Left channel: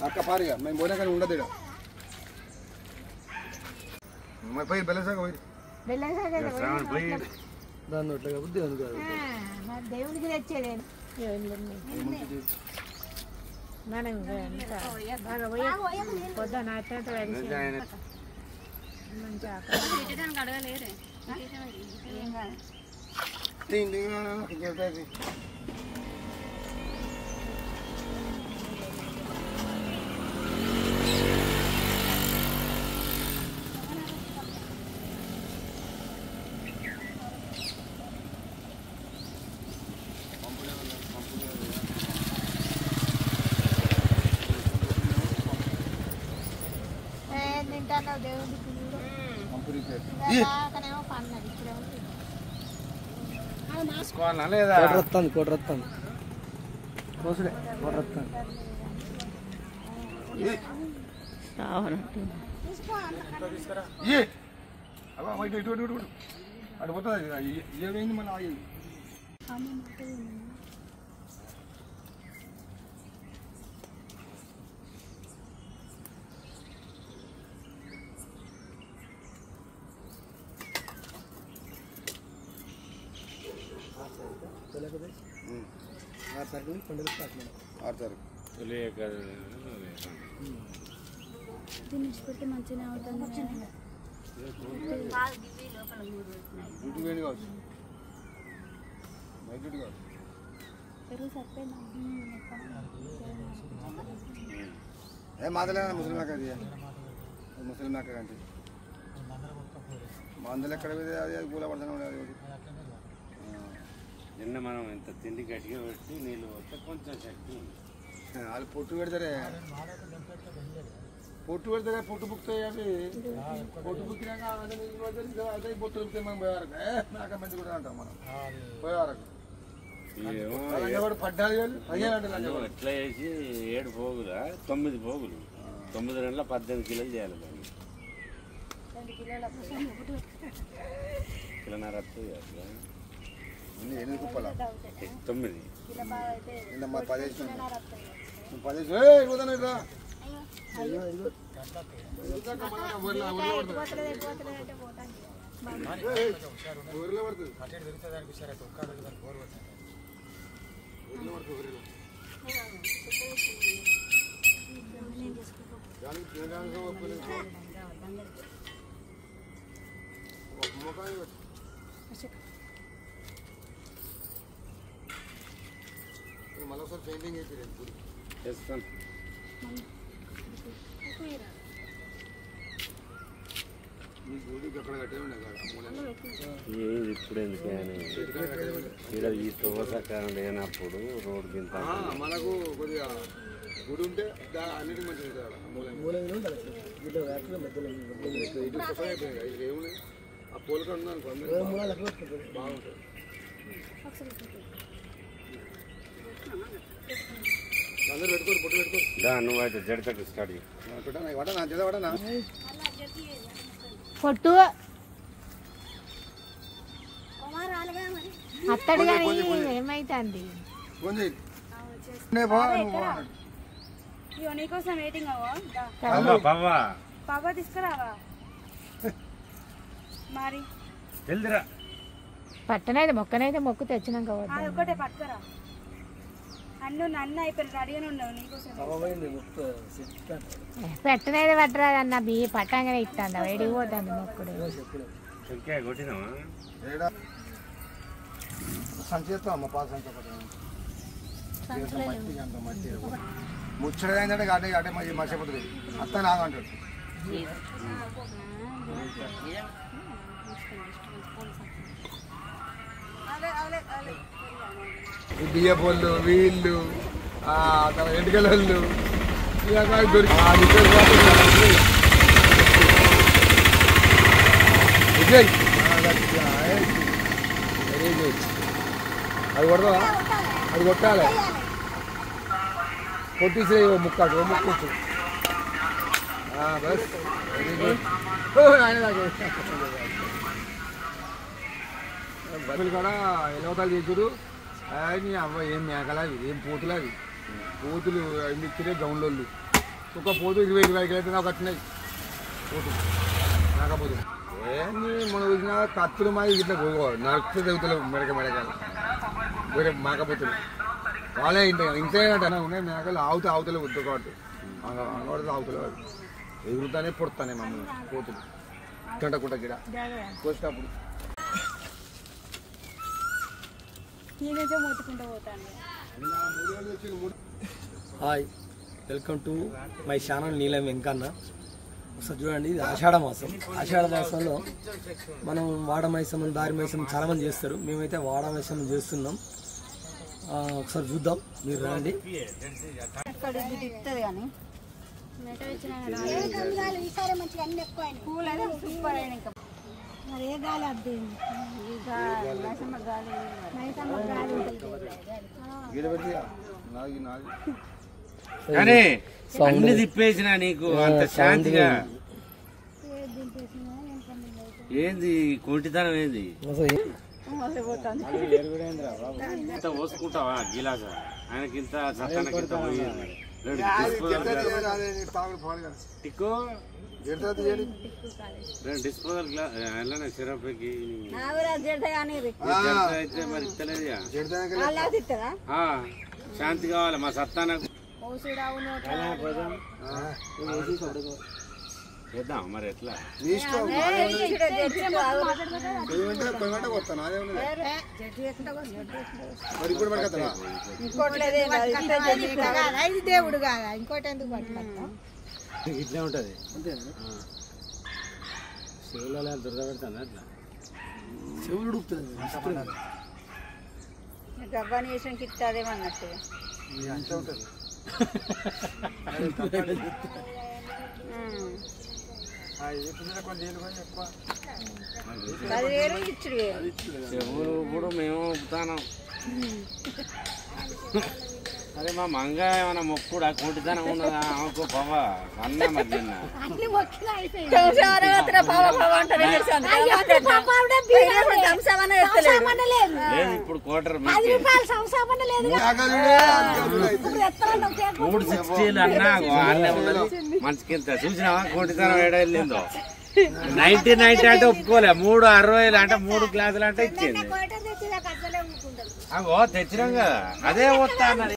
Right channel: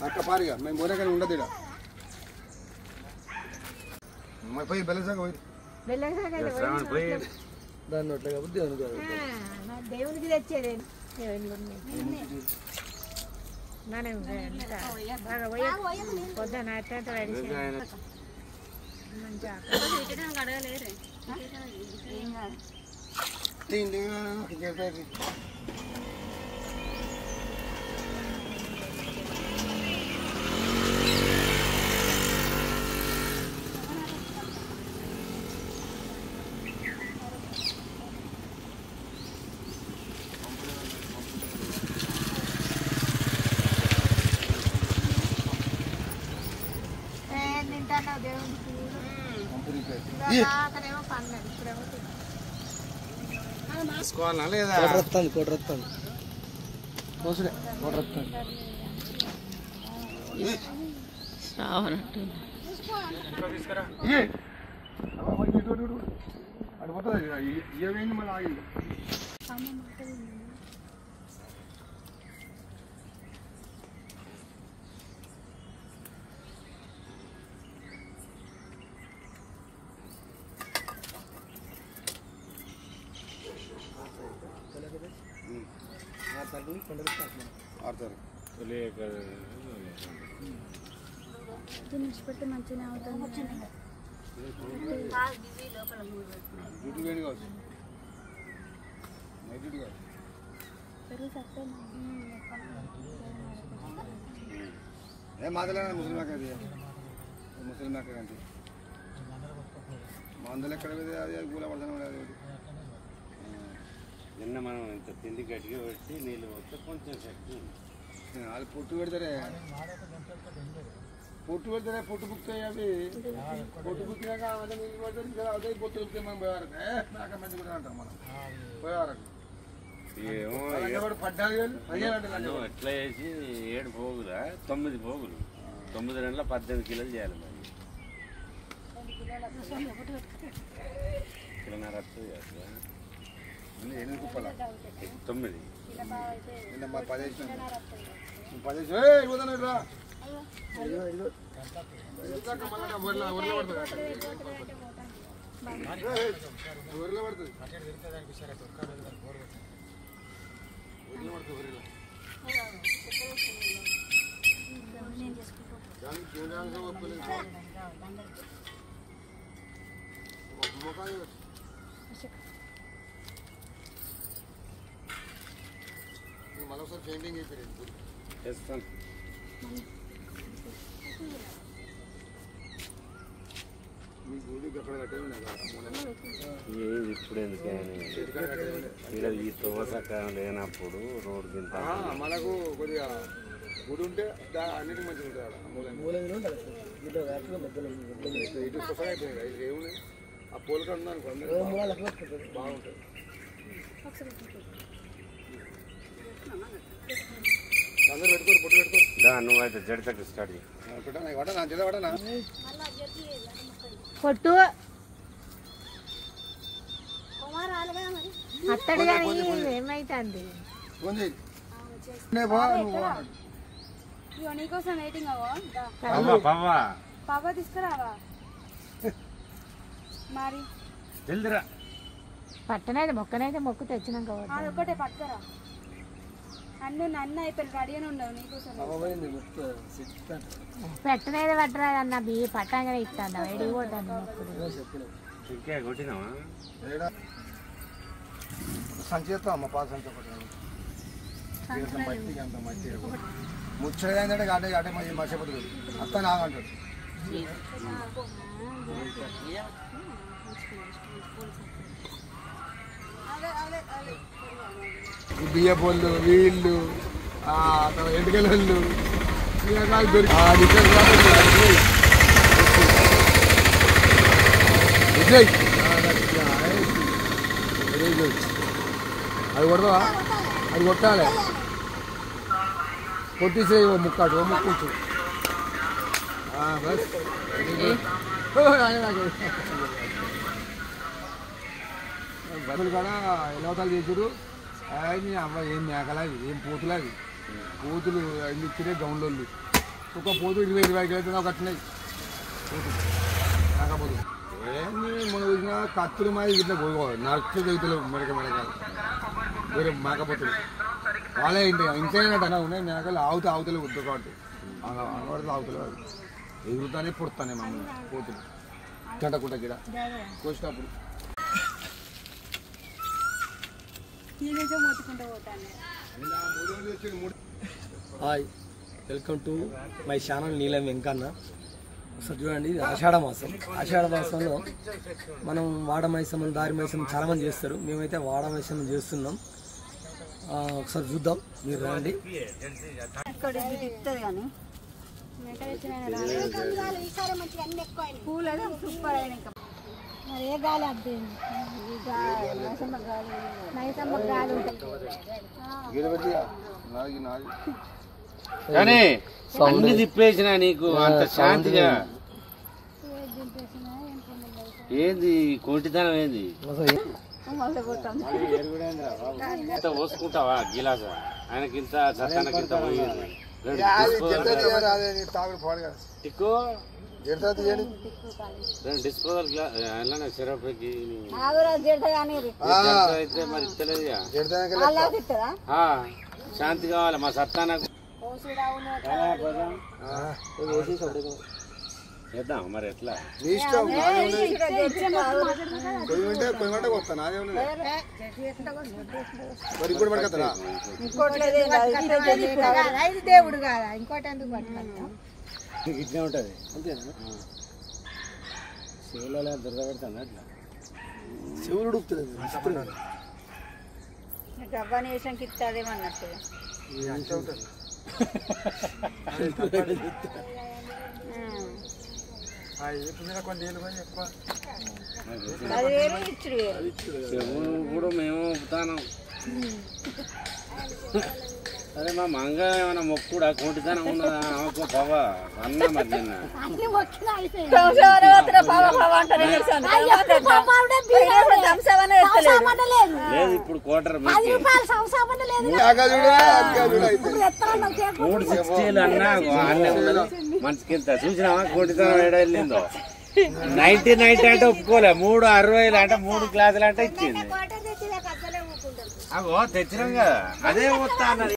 అక్క పారిగా మేము పోయినా కానీ ఉండదు ఇక్కడ పోయి బెల్లసాగ పోయి దాన్ని ఎట్లా కాబట్టి దేవునికి తెచ్చేది పొద్దున చెప్పేది లేదా కొట్రత్తాను కోసుడే కొట్రత్తాను అటు పోతుంది ఏమైంది మన ఆగింది తినిపెట్టి మంచిగా అవుతుంది పెరుగు సరిపోయినా మాదలేనా ముస్లిం అది ముస్లిం అంటే మందులు ఎక్కడ అది పూల పడుతుంది ఎన్న మనం ఇంత తిండి గట్టిగా పెట్టి నీళ్ళు వస్తే కొంచెం శక్తి అది పొట్టు పెడతారే పొట్టు బుక్తాయి అవి పొట్టు బుక్కినాక నీళ్ళు పెడతారు అదే పొట్టు వస్తే మనం పోయేవరకు నాక మంచి కూడా అంటాం మనం పోయేవరకు ఎట్లా చేసి 7 పోగులా 9 పోగులు 9 నెలల 18 కిలోలు చేయాలి కిలోన్నర వస్తుంది అసలు 8 కుప్పల 9 నిన్న 10 ఇవ్వదన్నట్రా ఊరిలో పడుతుంది మళ్ళొకసారి పెయింటింగ్ అయిపోయింది గుడి చేస్తాను మీ గుడి అక్కడ కట్టే ఇప్పుడు ఎందుకని ఇక్కడ ఈ సోమసకాలం లేనప్పుడు రోడ్డు కింద మనకు కొద్దిగా గుడి ఉంటే అన్నిటికీ మంచిగా ఉంటుంది ఆ పోలిక ఉందనుకో బాగుంటుంది అందరూ పెట్టుకోరు పొట్టు పెట్టుకోరు నువ్వు అయితే జడితట్టు స్టార్ట్ పొట్టు అత్తడు ఏమైతుంది నీకోసం వెయిటింగ్ పాపా తీసుకురావా మరి పట్టనైతే మొక్కు తెచ్చినాక అది ఒకటే పట్టుకరా నన్ను అయిపోయి రెడీగానే ఉండవు నీకోసం పెట్టనైతే పట్టరా అన్న బియ్య పట్టంగానే ఇస్తాను వేడిపోతాను మొక్కుడు సంచేస్తాం అమ్మ పాత సంచి ఒకటి మట్టి అంత మట్టి ముచ్చట ఏంటంటే అటే అటే మర్చిపోతుంది అత్త నాగంటాడు బియ్య పొల్లు వీళ్ళు ఎండుకల వాళ్ళు అది కొడదామా అది కొట్టాలి కొట్టిసే ముక్కాడు ముక్కు గదులు కూడా ఎలవతాలు తెచ్చుడు అవి అవ్వ ఏం మేకలవి ఏం పూతులవి పోతులు ఇచ్చిరే గౌండ్లోళ్ళు ఒక పోతు 20-25 కిలో కట్టినాయి పోతులు రాకపోతే ఏంది మనం వచ్చిన కత్తులు మాది ఇట్లా పోవాలి నడుస్తూ తెగుతలేవు మెడకాయలు వేరే మేకపోతులు వాళ్ళే ఇంతేనంటే ఉన్నాయి మేకలు ఆవుతలే వద్దు కాబట్టి ఆవుతలేవు ఎగురుతానే పుడతానే మమ్మల్ని పోతులు గంటకుంట గిడ కోసినప్పుడు hi welcome to my channel నీలం వెంకన్న. ఒకసారి చూడండి, ఇది ఆషాఢ మాసం. ఆషాఢ మాసంలో మనం వాడ మైసమ్మం దారి మైసమ్మం చాలా మంది చేస్తారు. మేమైతే వాడ మైసమ్మం చేస్తున్నాం. ఒకసారి చూద్దాం, మీరు రండి. మరి ఏ గాలి అద్దేంది మైసమ్మ గాలి ఉంటుంది. కానీ అన్ని తిప్పేసిన నీకు అంత శాంతిగా ఏంది కోటితనం ఏంది పోసుకుంటావా గిలాస ఆయనకింత సత్తానకింత పోయింది టిక్కు డిస్పోజల్ గ్లాస్ సిరప్కి అయితే మరి ఇస్తలేదుగా శాంతి కావాలి మా సత్తానకు చేద్దాం మరి ఎట్లా దేవుడు కాదా ఇంకోటి ఎందుకు పట్టుకొస్తా ఇట్లే ఉంటది శివులలో దుర్గపెడతాను అట్లా శివుడు గవ్వాని వేసానికి ఇస్తాదేమన్నట్టుగా చెవులు కూడా మేము ఒప్పుతాను. అరే మా మంగ ఏమైనా మొక్కుడు ఆ కోటితనం ఉన్నదా ఆమెకు పవా అన్నా మధ్యన లేదు ఇప్పుడు కోటర్ 360 అన్నా మనసుకెళ్తా చూసినావా కోటితనం ఏడ వెళ్ళిందో. 90 అంటే ఒప్పుకోలే, 360 అంటే 3 గ్లాసులు అంటే ఇచ్చింది. అగో తెచ్చినాం కదా, అదే వస్తా అన్నది.